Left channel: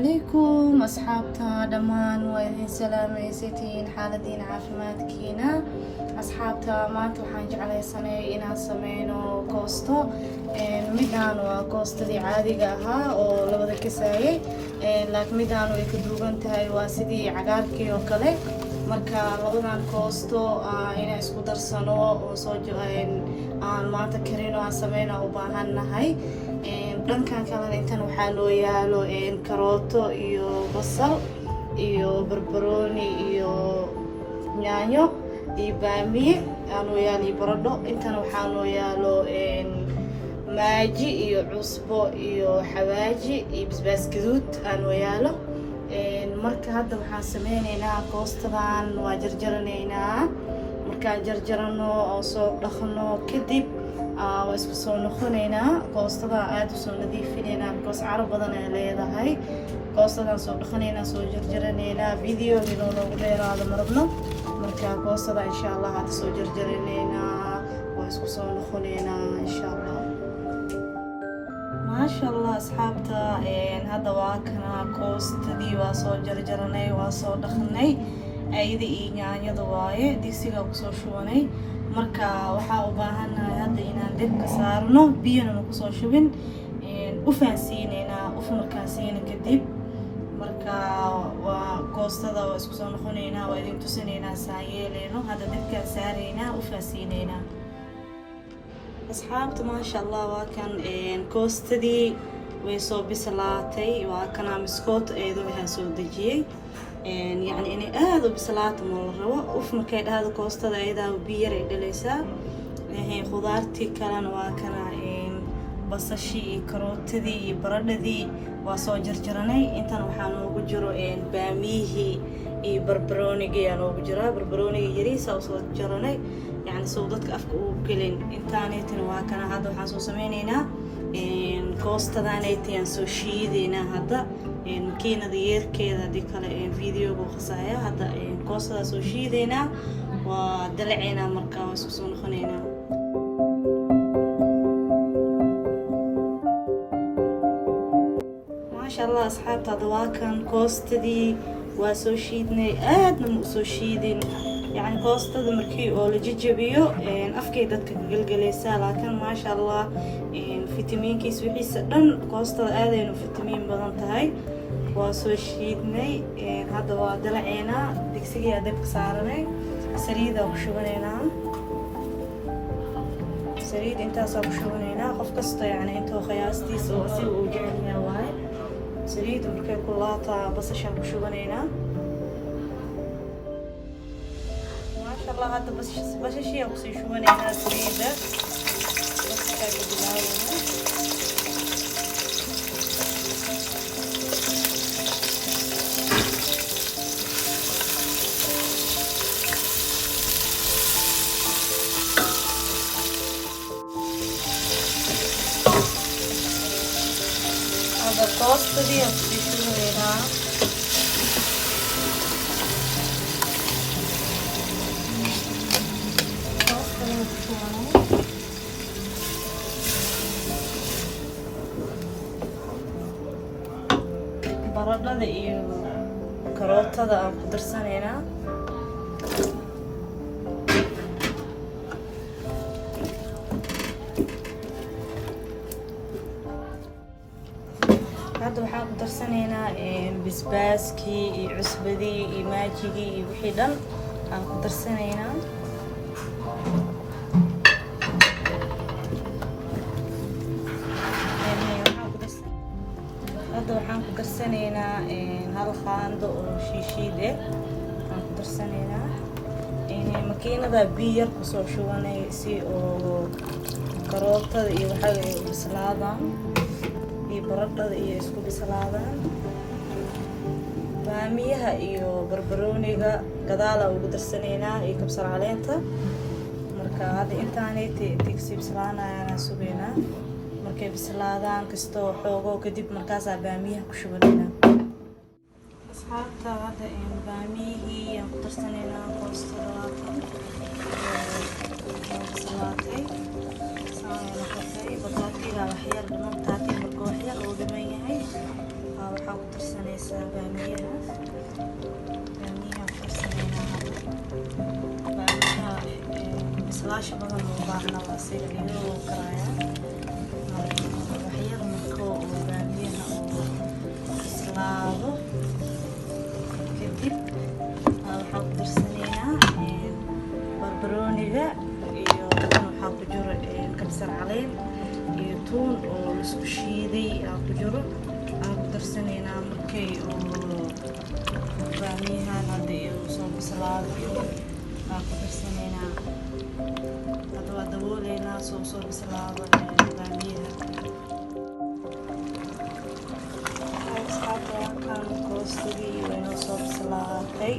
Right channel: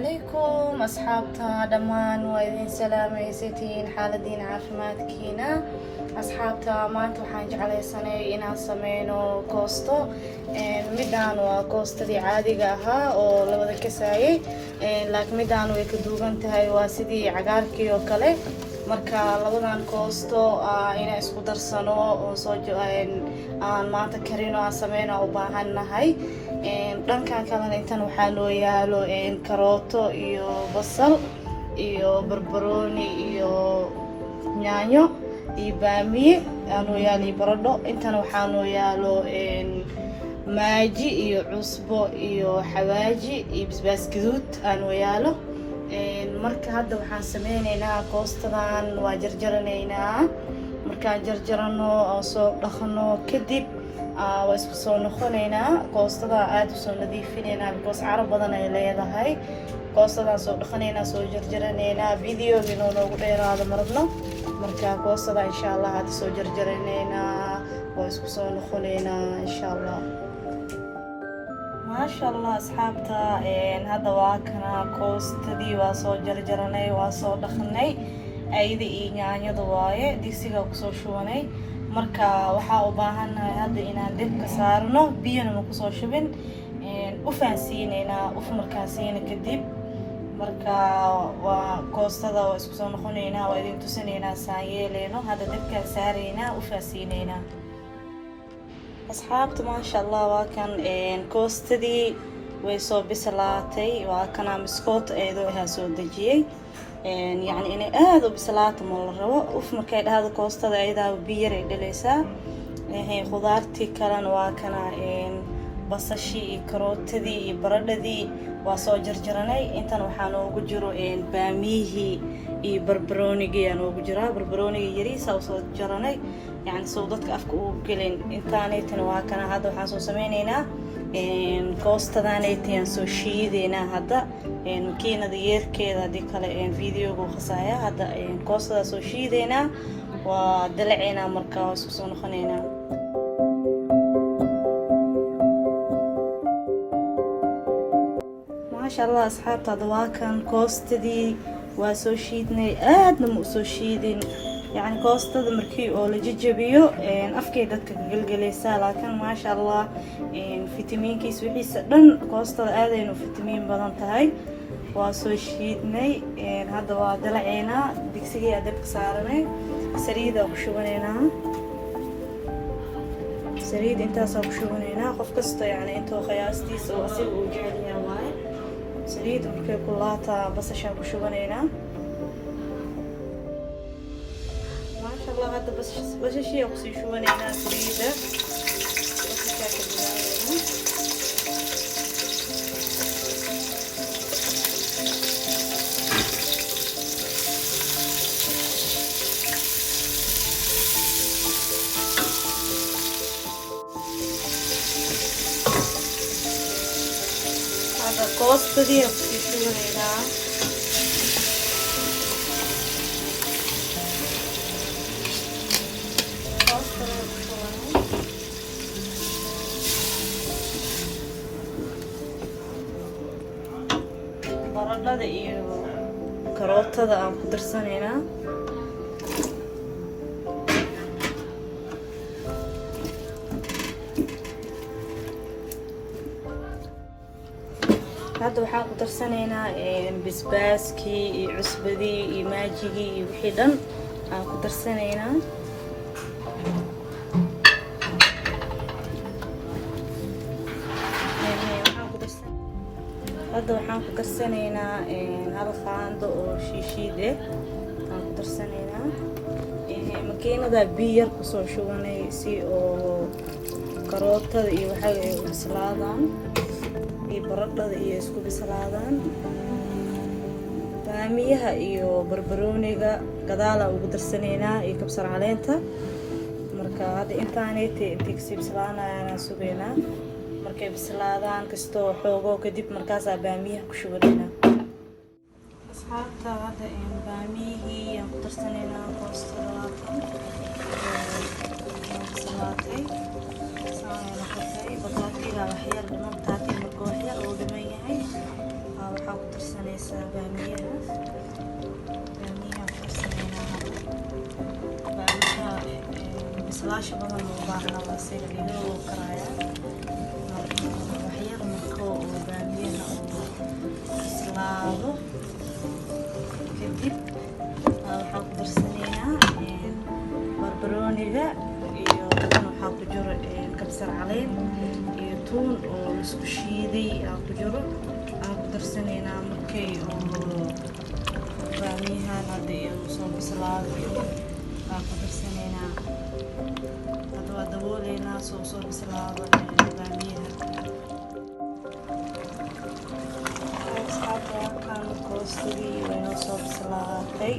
عليكم أصحابتا دمان وإذن سلامي ستين حالدين عافمادكينا أصحابتا maanta waxaan jeclaysanay inaan sameyno koosto midaan waa koostadii caadiga ahaa oo la wada kasaayay laakiin midaan way ka duugan tahay waa sidii cagaarkii oo kale marka labadan koosto inaan isku darsano oo soo aan maanta karino aan sameyno u baahanahay dhankan kalena intan waxaa loo yaalo karooto iyo basal iyo barbarooni iyo yaanyo iyo baamiye aanoo yaalo baradho intan waxaa loo yaalo maaji iyo cusbo iyo xawaaji iyo basbaas gaduud aanoo yaalo marka hadda waxaan sameynaynaa koostadan waa jarjaranaynaa markaan jarjarano oo soo dhaqno kadib waa isku soo noqonaynaa koostada aad u soo nadiifinaynaa because carab badan ay leedahay koostadan soo dhaqanaynaa soo jarjaranaynaa videoga noogu dheeraado marabno marka koostada insha Allah hadda soo jarjaranaynaa waa isku soo noqonaynaa insha Allah maasha Allah asxaabta hadda waa kana koostadii waa soo jarjaranay waa soo dhaqnay ayda iyo yaanyada waaye digsiga ku soo shubanay marka waxaa u baahanahay hadda inaan dibka saarno biyana ku soo shubin u faansiineynaa markaan siina kadib marka waa koostada waa isku soo noqonaynaa waa idin tusinaynaa saan yeeleyno hadda dibkaan saaraynaa u faansiineynaa asxaabta maasha Allah waa kan koostadii way soo bislaatay waa kana miskoot eedo ahaa soo dejiyay يعني إني هذا بسلات مرة وفي مكان هذا كوستا إذا بير دليسا هي خضارتي كلان واكنا بصشي كروتدي برددي وصو جرجرني انت وحانو وجرو باميه بربروني جيانو وجرا بربروني يريسا وصو جرني يعني صوتك افكو كلين انتاني تنواكنا هذا وحاسو سمينينا كوستا دانيتين سو شيدينا هذا makiinada yeerkeeda hadii kale videoga khasaya hadda koostada soo shiidayna waa dalaceena markaa waa isku soo noqonayna maasha Allah asxaabta waa kan koostadii waa soo shiidnay aadna ma soo shiidin يعني koostada markii oo la jajabiyo afkay dadka galgalaysa laakiin maasha Allah fitamiinkiis wixiisa dhan koostada aadayna fitamiin badan tahay waa soo shiidnay hadda waa dalaceena digsiga dabka saaranay saliida ku shubaneynaa saliid intaas ku shubaneynaa qof kasta yani intuu qiyaastiisa oo asil uu jecel yahay waaye saliid markay kulaata basasha ku shubaneynaa الله هذا بس شيء أقصي شو أنا سعيدة هذا كوست دي أقصي شو هنا baradhada iyo karootada aan ku darsaneynaa hadda waxaan ku darsanaynaa basbaaskii iyo cusbadii iyo maajigii iyo wixii dhan aan ku darsanaynaa waxaan ku darsanaynaa hal qaando oo shiishiid aan ku darsanaynaa makiinada biyo yar ku soo shubanay si oo karootada iyo waxa ay u bislaadaan iyo baradhada iyo isku bislaadaan baamiyaha iyo barbarooniga gadaal ugu darsanaynaa iyo kabsar caleenta marka hadda intaanay tigsi bislaanayaan sugeynaa markay bislaadaan kastoo xoogo kadib markaas baamiyaha ku shubanayna asxaabta hadda baamiyihii aan ku darsanaynaa koostada bislaatay saan noqotay bataatiga wax yar dhiman taati marka wax yar oo dhiman yahay waxaa ku darsanaysaa baamiyaha ku darsaneynaa hadda baamiyaha bislaasha badan u baahna waa sida iyadoo karaaya waxyar marka oo baamiyaha oo bislaado kadib waxaa ku darsaneynaa barbarooniga iyo waxaa ku jiro kabsar caleen iyo tuun oo laisku shiiday ku jiro aan ku darsaneynaa markay oo baamiyahan hadda soo bislaado aan ku darsaneynaa hadda waa dabooleynaa soo bislaado baamiyaha asxaabta koostadii waynoo soo bislaatay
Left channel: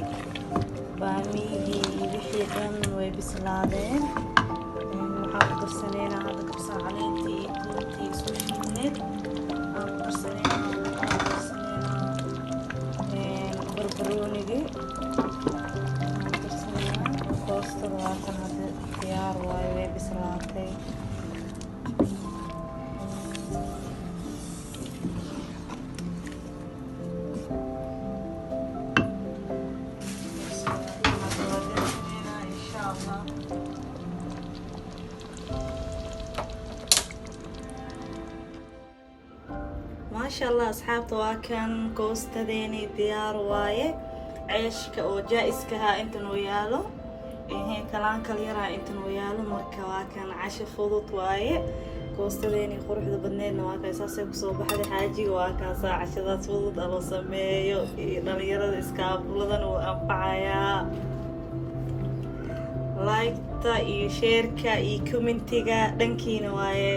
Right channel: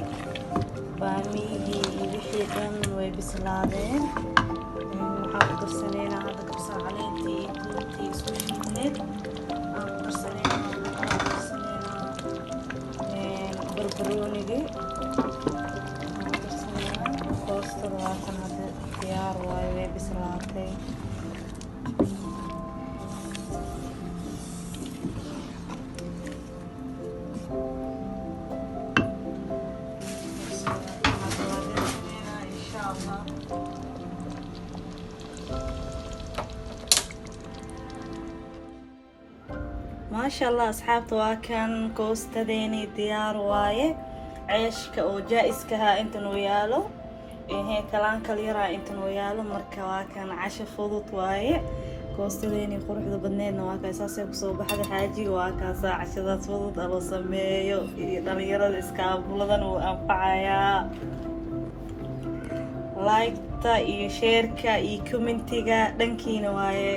baamiyihii iyo wixii dhan way bislaadeen waxaa ku darsaneynaa hadda kabsar caleentii iyo tuuntii isku shiidneed aan ku darsaneynaa barbaroonigii aan ku darsaneynaa koostada waa kan hadda diyaar waayo way bislaatay maasha allah asxaabta waa kan koostadeeni diyaar waaye ceeshka oo jaa-iskaha intan uu yaalo kalaankal yaraa intan uu yaalo marka waa kan casho fudud waaye koostadeeni quruxda badneedna waa kaa saasay kusoo baxda xaajiga waa kaasaa cashadaas fudud la sameeyo iyo dhalinyarada iskaabuladan uu anfacayaa like-ta iyo sheerka iyo commentiga dhankiina waaye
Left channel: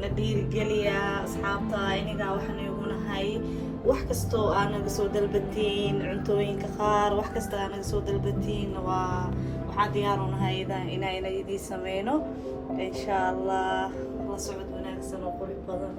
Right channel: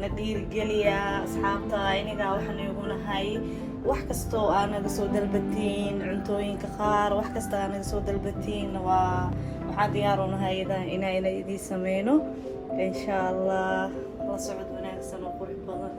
na dhiirigeliyaa asxaabta inagaa waxaan igu nahay wax kastoo aad naga soo dalbatiin cuntooyinka qaar wax kasta aad naga soo dalbatiin waxaa diyaar u nahay inaa idiin sameyno insha allah la socod wanaagsan oo qurux badan